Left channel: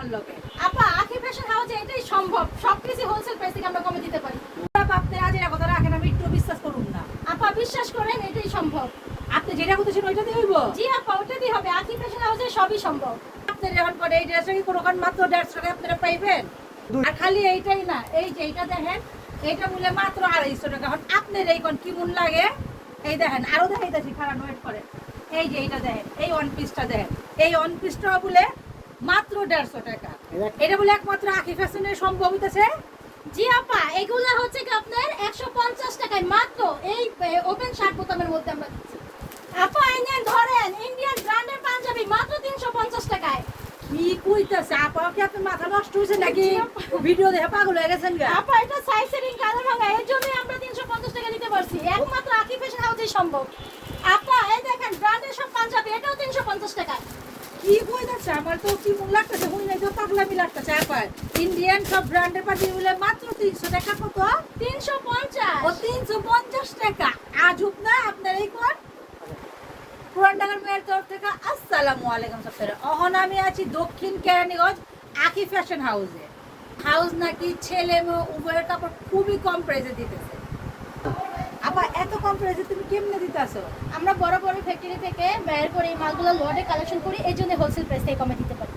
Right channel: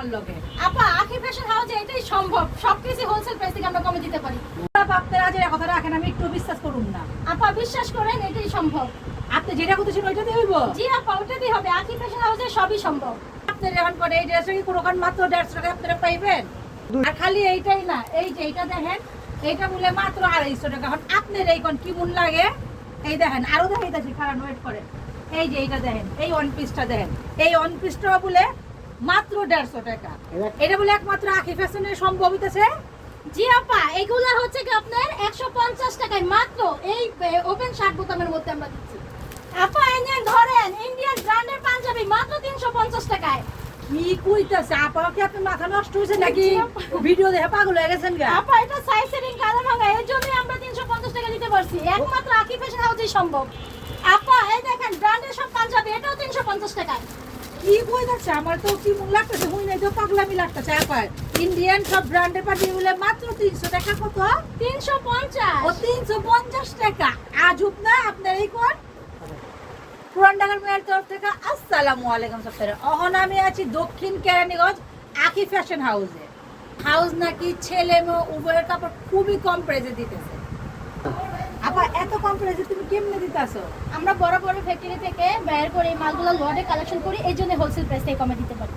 আমার লগে। আপা আখি ফ্যাশন হাউসে এটাই সম্ভব, সবকিছু হোলসেল প্রাইস থেকে আমরা কমে দিতে পারি। আপনারা যে কথা রাখেন আমি একটু বিশ্বাস করুন না। আপা বিশ্বাস করেন এটাই সম্ভব। আপনি যেটা করতেছেন ওইটাতে হইব। জি আপা ওটাতেই হবে, আখি ফ্যাশন হাউসে সবই সম্ভব। আপনি যখন করে এই ড্রেসে কি কোনোখান মাত্র 150 টাকা আপনারা পাইবেন। আর খালি এইটাই না, এই যে এটা দেখেন, এইটা মূল্যে মাত্র 250 টাকা। এখন আপনার এই কোন কি মূল্য লাগে এই দেখেন, আরো দেখাইতেছি, খারাপ ওয়েট করে। এই যে এইটা দেখেন, এই ওয়ান পিসটা দেখেন, এই ওয়ান পিসটা বলে মাত্র 150 টাকা। এটা বলে একমাত্র আখি ফ্যাশনে সম্ভব হইতেছে। জি আপা এগুলা হচ্ছে কি আপনার 150 টাকায় মাত্র এই ওপেন শার্ট বোতামের মধ্যে আমরা দিচ্ছি। আপা ইন্ডিয়ান ধরেন, ইন্ডিয়ান ব্র্যান্ডের পাঞ্জাবি মাত্র 350 টাকায়। কি কইতাছে আপা, কি আপনার মাথা নষ্ট হইছে নাকি? ভিডিও দেখে পাগল হয়ে গেছেন গা? আপা এটা সাইজ সেটিং কালার ভাঙা, এর জন্যই আমরা 350 টাকা দিতে পারছি, একমাত্র আখি ফ্যাশন হাউসেই সম্ভব। আপা এই দেখেন ব্র্যান্ডের সব পাঞ্জাবি, এটাও 350 টাকায়। কি কইতাছে? আমার তো কি মন লাগতেছে, হুই নাই তো পাগলামি লাগতেছে। আপা ইন্ডিয়ান সব ব্র্যান্ডের পাটি বলে মাত্র 300 টাকা। কত? 350। ও 350 টাকা। আজব না আপনার এই কোন পুরান ঢাকার মেয়ের তরফ থেকে আসসালামু আলাইকুম সবাইকে। অহন আমি আছি দক্ষিণ কেরানীগঞ্জ আখি ফ্যাশন হাউসে। হাউস নাকি ছেলে মেয়ে উভয়ের কাপড় খুবই কম প্রাইসে দিতেছে। আপা এত কম প্রাইসে তুমি কেমনে দিতেছো? আমরা বড় বড় ফ্যাক্টরি থেকে বের করে এই মালগুলো লটে কালেকশন করি, এই জন্য হোলসেল প্রাইস থেকে কমে দিতে পারি।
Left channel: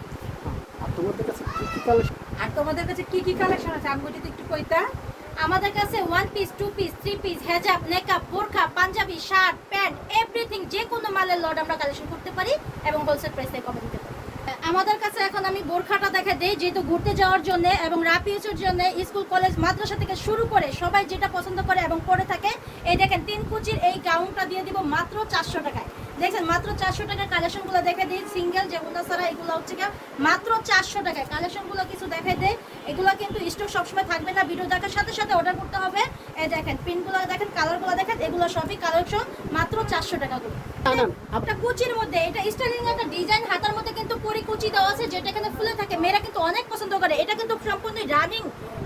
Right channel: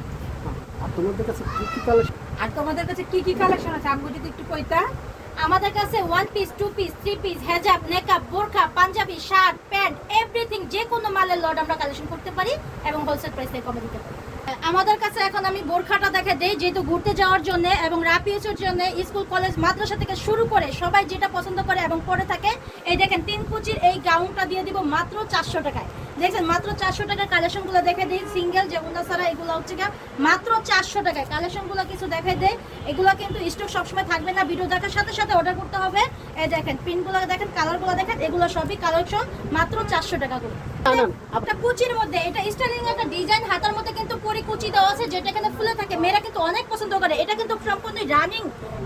আর তোমাদের কাছে কি কি কালেকশন? আর তোমাদের কাছে কি কি কালেকশন আছে আমি যদি একটু কইতা। আমাদের কাছে 1 পিস 2 পিস 3 পিস হেজাব নেকআপ বোরখা পাঞ্জাবি শার্ট প্যান্ট এভরিথিং যে কোনো মালের লট আমরা কালেকশন করতে পারি এবং হোলসেল প্রাইসে কমে দিতে পারি। আমাদের কাছে এখন আমি বোরখাটা দেখে দেই, যেহেতু ঘুরতে যাওয়ার জন্য এবং রাফিউজের জন্য স্কুল কলেজ মাদ্রাসা থেকে শুরু করে সবাই যেটা পছন্দ করে এবং পরে থাকে। এই দেখেন 3 কুচির এই গাউনটা দিয়ে দিব মাত্র 400 টাকায়। দেখেন মাত্র 400 টাকার কালেকশনগুলো দেখে দিই, সিঙ্গেল যেগুলো ছাড়া এগুলো হচ্ছে মাত্র 400 টাকায়। কালেকশনগুলো কিছু দেখে দেয়, এগুলো কিন্তু স্টক সবসময় থাকবে না, ভিডিও দেখার সাথে সাথে অর্ডার করতে হবে। এই দেখেন প্রিন্টগুলো দেখেন, কালারগুলো দেখেন, এগুলো সবই কালেকশন মাত্র 400 টাকা করে। একটা কুচির মধ্যে এটা স্টাইলিং একটা ডিজাইন, হাতার মধ্যে কিন্তু পরি কুচি দেওয়া আছে, যেটা এখানে ফুলে থাকে, মেয়েরা কিন্তু অনেক পছন্দ করে। এটা কিন্তু সম্পূর্ণ রানিং,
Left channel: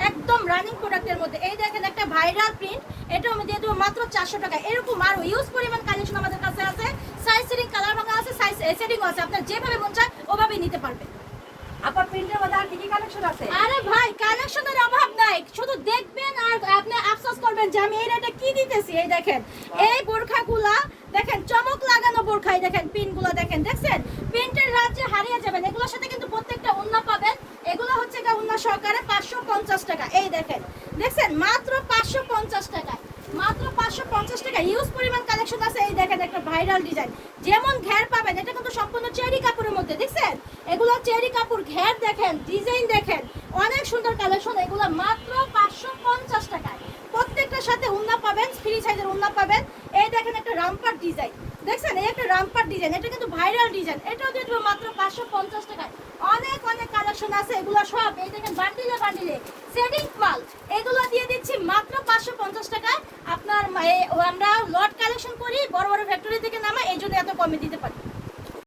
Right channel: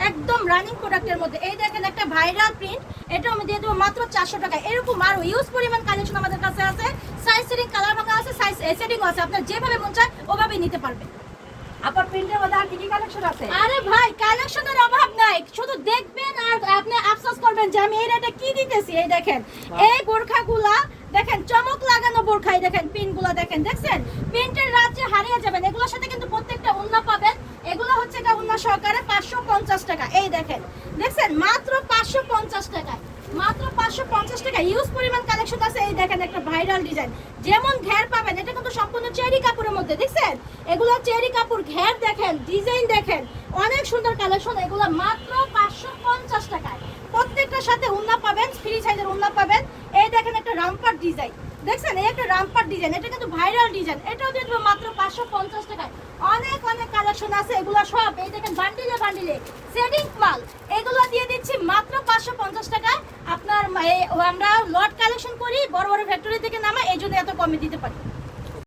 একদম রানিং প্রোডাক্টের মধ্যে। এই দেখেন একটা ভাইরাল প্রিন্ট, এটা আমি দিয়ে দেবো মাত্র 400 টাকা। এরকম আরো ইউজ পরিমাণ কালেকশন আমাদের কাছে আছে, সাইজ সেটিং কালার ভাঙা আছে, সাইজ সেটিং আছে, আপনার যেভাবে মন চায় ওভাবে নিতে পারবেন। আপা প্রিন্টের মধ্যে আর কি কি কালেকশন আছে? আরে ভাই কালেকশনের অভাব নাই, শুধু দেখবেন আর আপনি আফসোস করবেন যে আমি এই রেটে কি দিতেছি। এই দেখেন এই বোরখাগুলা দেখেন, চমক লাগানো বোরখা। এই দেখেন পিনগুলো দেখেন, দেখছেন প্রিন্টের রাজ্যে হারিয়ে যাবেন। এগুলোর সাথে কিন্তু প্রত্যেকটা ওন্না পাবেন, এগুলো হচ্ছে ওন্না সহকারে 550 টাকা। এই দেখেন দেখছেন মাত্র 550 টাকা, মাত্র 550 টাকা। ইউজ পরিমাণ কালেকশন আছে। এই দেখেন একটা ভাইরাল ডিজাইন, যেমন ঘের পাবেন, এটা কিন্তু সম্পূর্ণ চেরি কাপড়ের মধ্যে, দেখছেন এগুলো চেরি কাপড়, ঘের দেখেন, ডিজাইন দেখেন, অনেক সুন্দর কালেকশন। এগুলো মাত্র 550 টাকায়। প্রত্যেকটার সাথে ওন্না পাবেন, ফ্রি সাইজের ওন্না পাবেন। এই দেখেন একটা রামপার ডিজাইন, দেখছেন এই একটা রামপার ডিজাইন, এটা কিন্তু ভাইরাল ডিজাইন, এটাও দিয়ে দেবো মাত্র 550 টাকায়। অনেক অনেক কালেকশন আছে, এগুলো সব এই দেখেন বান্ডিলে বান্ডিলে সেটিং মাল, এগুলো দিয়ে দিচ্ছি মাত্র 550 টাকায়। আপনার আমরা লট কালেকশন করি, বড় বড় ফ্যাক্টরি থেকে নামা, এই জন্য এত কমে দিতে পারি।